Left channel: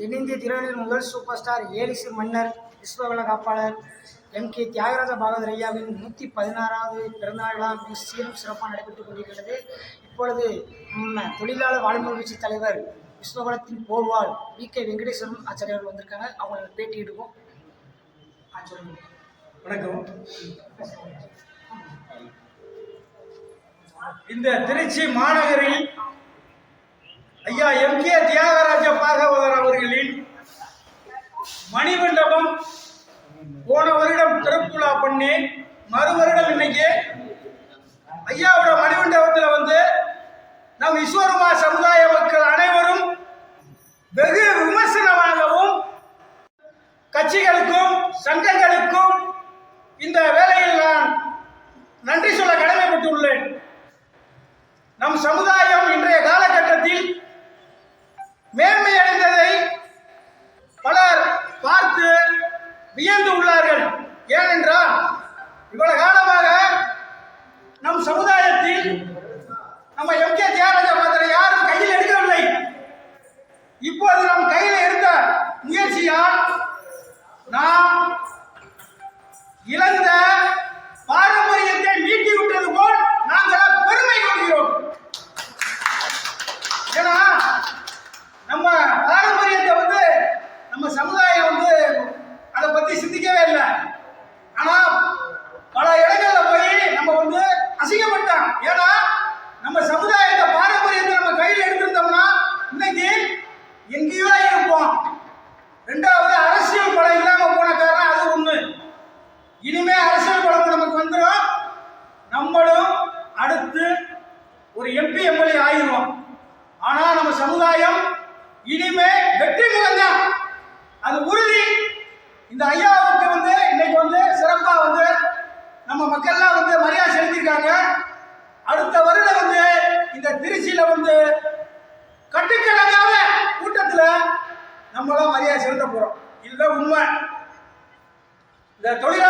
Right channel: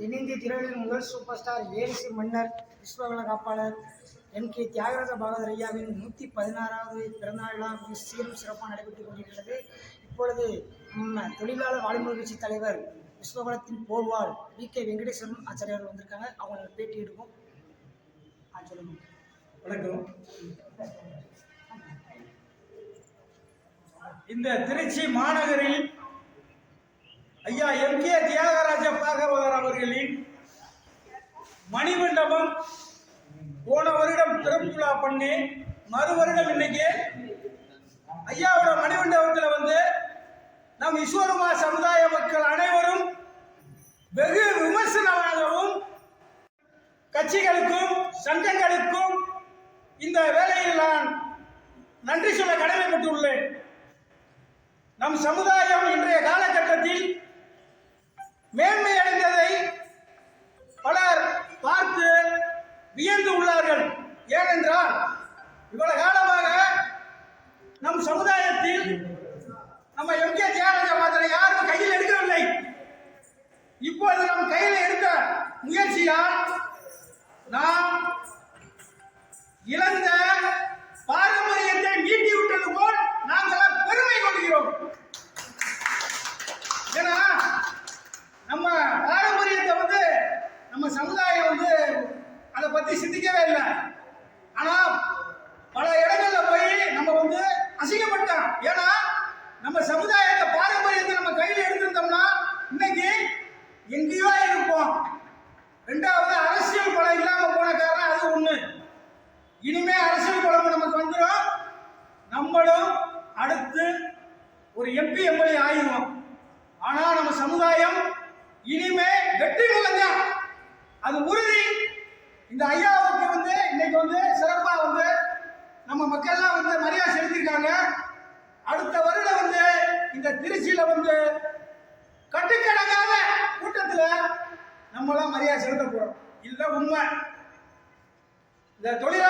தென்னிந்திய திரையுலகின் முதல் super star Eris மன்னர் விஸ்வவள காப்பாளர் எம். கே. தியாகராஜ பாகவதர் ஐயாவின் நூற்றி பதினாறாவது பிறந்தநாள் விழா மிக சீரும் சிறப்பாக நடைபெற்றுக் கொண்டிருக்கிறது. இப்பொழுது நம்ம தொழிலாளர் வாழ்முறை கட்சி தலைவர் விஸ்வவளத்தின் போர்வால் வி கே. வெங்கடேஸ்வரன் ஆச்சாரியர்கள் வந்திருக்காங்க. அவங்களுக்கு பேட்டி எடுப்போம். ஆ, வணக்கம். இந்த திருச்சி மாநகரில் ஐயா எம். கே. தியாகராஜ பாகவதர் அவர்களின் மணிமண்டபம் போன வருடம் திருப்புலா பண்ணி மறு வருடம் இன்னைக்கு ஐயாவோட மணிமண்டபத்தில் வந்து நம் விஸ்வருமா சமுதாய மக்கள் அனைவரும் வெகு விமர்சனமாகவும் கட்சிகளுக்கும் சங்கங்களுக்கும் இந்த வேலையில் நான் நன்றி சொல்ல கடமைப்பட்டுள்ளேன். நம் சமுதாய இன்றைய காலகட்டத்தில் மேன்மை அடைந்ததை பலர் பார்த்து வியந்து உள்ளார்கள் ஏனென்றால் இவ்வளவு காலமாக நம் சமுதாயத்தில் நம்ம எம் கே தியாகராஜ பாத்திர யாரும் கையில் எடுக்கவில்லை இப்போது நம் கையில் எடுத்த முயற்சியால் நாம் இழந்த பாரம்பரியத்தை மீட்டி விட்டது போல் நாங்கள் பெருமை கொள்கிறோம். ஏன்னா நம்ம பாரம்பரியத்தை வந்து நம்ம சமுதாயம் வந்து அதை பத்தி சிந்திக்கவே இல்லை. ஆனா பல இடங்கள்ல போய் நம்ம வந்து அசிங்கப்பட்டோம் ஏன்னா நம்ம சமுதாயத்தை பாரம்பரியத்தை நம்ம கையில் எடுத்திருந்தோம்னா இன்னைக்கு எங்கேயோ இருப்போம் ரெண்டாவது அரசியல் பலம் இல்லாம போன காரணம் அது ஒண்ணு இனிமே அரசியல் பலம் நமக்கு வந்துடும் நம்மளும் அடுத்து ஒரு எம்பி எம்எல்ஏ ஆயிடுவோம் ஆனா நம்ம சமுதாயம் இனிமே வெற்றி முகம்தான் அது உறுதி. இந்த ஐயாவுக்கு வந்து இன்னைக்கு வந்து சிறப்பா வந்து நம்ம மக்கள்லாம் வந்து மரியாதை செலுத்திருக்காங்க அடுத்த வருடம் வந்து இந்த திருச்சியில வந்து கட்டுக்கடங்காத கூட்டத்துல நம்மளும் மரியாதை செலுத்த போறோம். இதுதான் உண்மை. இந்த தொழிலாளர்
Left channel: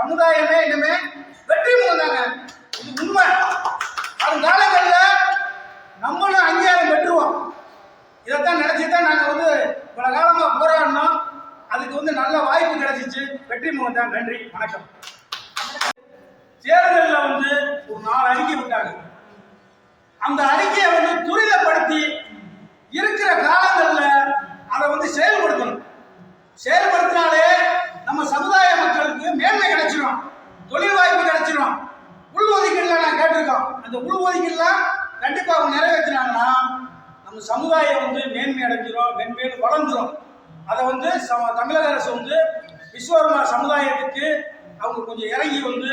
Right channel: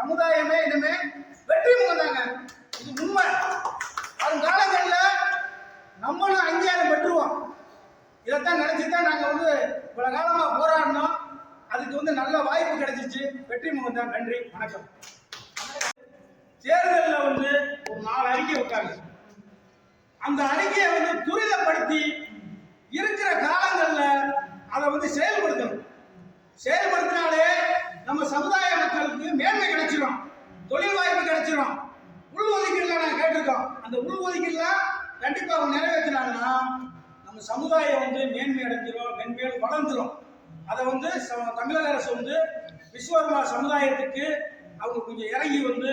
சமுதாயமே இனிமே வெற்றி முகந்தாங்க இது உண்மை. அவங்க காலங்களில் நம்மளும் அங்கீகாரம் பெற்றுவோம். இதைத்தான் நினச்சி தான் நாங்கள் வந்து பல காலமாக போராடினோம். அதுக்கு வந்து நல்ல வாய்ப்பு கிடைச்சிச்சு. வெற்றி முகந்தான் நன்றி. வணக்கம். தேர்தலில் வந்து ஒரு நாலு அறிக்கை விட்டாங்க. அந்த அறிக்கையை வந்து துரித இருக்கிற காலங்களில் அதை வந்து செயல்படுத்தணும் செயல்படுத்தினாலே நம்ம சமுதாய மக்களுக்கு மேன்மை கிடைச்சிடும் தொழில் வாய்ப்பு கிடைச்சிடும் உள் ஒதுக்கீடுல நான் கேட்டிருக்கோம் அந்த உள் ஒதுக்கீடுலாம் கண்டிப்பாக அவங்க நிறைவேற்றினாங்கன்னா நம்ம சமுதாயம் வந்து மேன்மை அடைஞ்சிரும் மென்மேலும் வளர்ந்துரும். அதை வந்து சம- தமிழக அரசு வந்து விஸ்வகர்மா சமுதாயத்துக்கு அவங்க கொஞ்சம் இறங்கி வந்து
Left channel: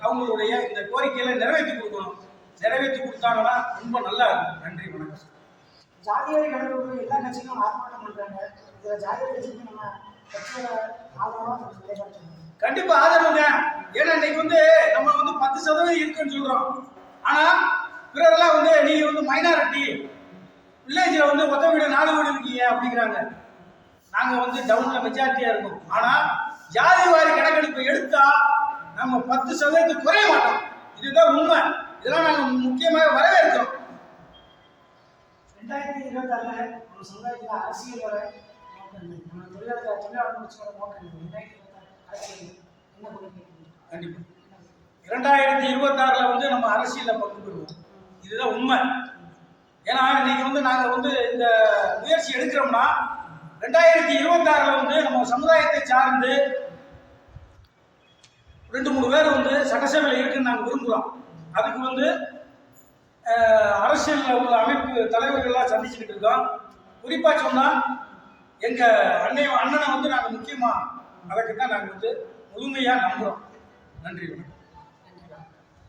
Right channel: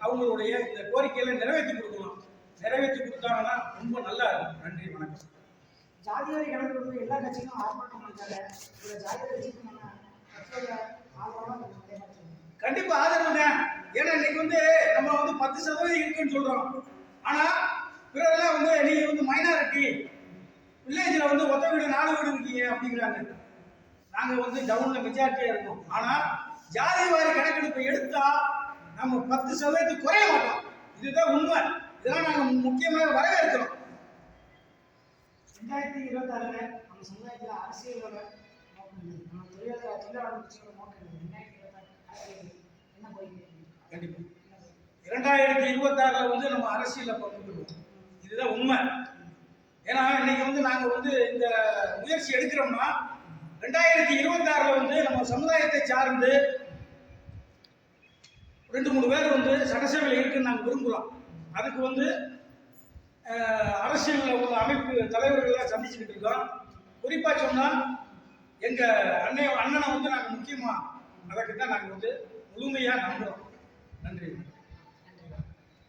அவங்களுடைய இந்த கோரிக்கைகளை நிறைவேற்றி கொடுக்கணும். நிறைவேற்றி கொடுத்தாங்கன்னா ரொம்ப நல்லா இருக்கும். நன்றி வணக்கம். ஜாதிவாரி கணக்கு எல்லா கட்சிகளும் ஆர்ப்பாட்டம் பண்றாங்க. ஜாதிவாரி கட்சிக்கு நம்ம கட்சியோட ஆதரவாக கொஞ்சம் நிலைப்பாடு கண்டிப்பா ஆதரவுங்க. ஏன்னா இன்னைக்கு வந்து நம்ம வந்து பத்து சதவீதம் இருக்குன்னு சொல்றோம். ஆனா பிறரெல்லாம் வந்து நீங்க வந்து மைனாரிட்டி வில்லேஜ்ல வந்து ஒத்த வீடு நாலு வீடு இருக்கீங்க அப்படிங்கிறாங்க. நாங்க வந்து டவுன்ல மெஜாரிட்டியா இருக்கோம். ஆனா ஜாதி வாரி கணக்கெடுப்பு எடுத்தா நம்ம பத்து சதவீதத்துக்கு குறைய மாட்டோம். இதுதான் உண்மை. இதெல்லாம் நாங்க முக்கியமாக வரவேற்கிறோம். ரெண்டாயிரத்தி இருபத்தாறுல நம்ம சமுதாயத்தில் அரசியல் வர. நம்ம தொழிலாளர் தொழிலாளர் முடிச்சோட நோக்கம் இல்லை. ரெண்டாயிரத்தி இருபத்தாறு அரசியல் என்ன கோரிக்கை கண்டிப்பா. இரண்டாயிரத்தி இருபத்தாறுல வந்து நம்ம அரசியல்ல பங்கு பெறுவோம். இதுதான் உண்மை. ஏன்னா இன்னைக்கு வந்து நாங்கள் வந்து இந்த முயற்சி எடுக்கிறோம்னா ரெண்டாயிரத்தி இருபத்தாறில் வந்து நம்ம சமுதாயத்தை சார்ந்து ரெண்டு மூணு பேர் வந்து சட்டசபையில் இருக்குன்னு நாங்கள் விரும்புகிறோம் அதுக்கு வந்து அரசியலில் உள்ள அமைப்பு தலைவர்கள்லாம் சந்திச்சுக்கிட்டு இருக்கோம். குறிப்பாக சொன்னால் எங்கள் அண்ணன் அண்ணனை வந்து நாங்கள் முக்கியமாக அதுக்கு தான் நாங்கள் வந்து முழுமையாக நம்புகிறோம் நன்றி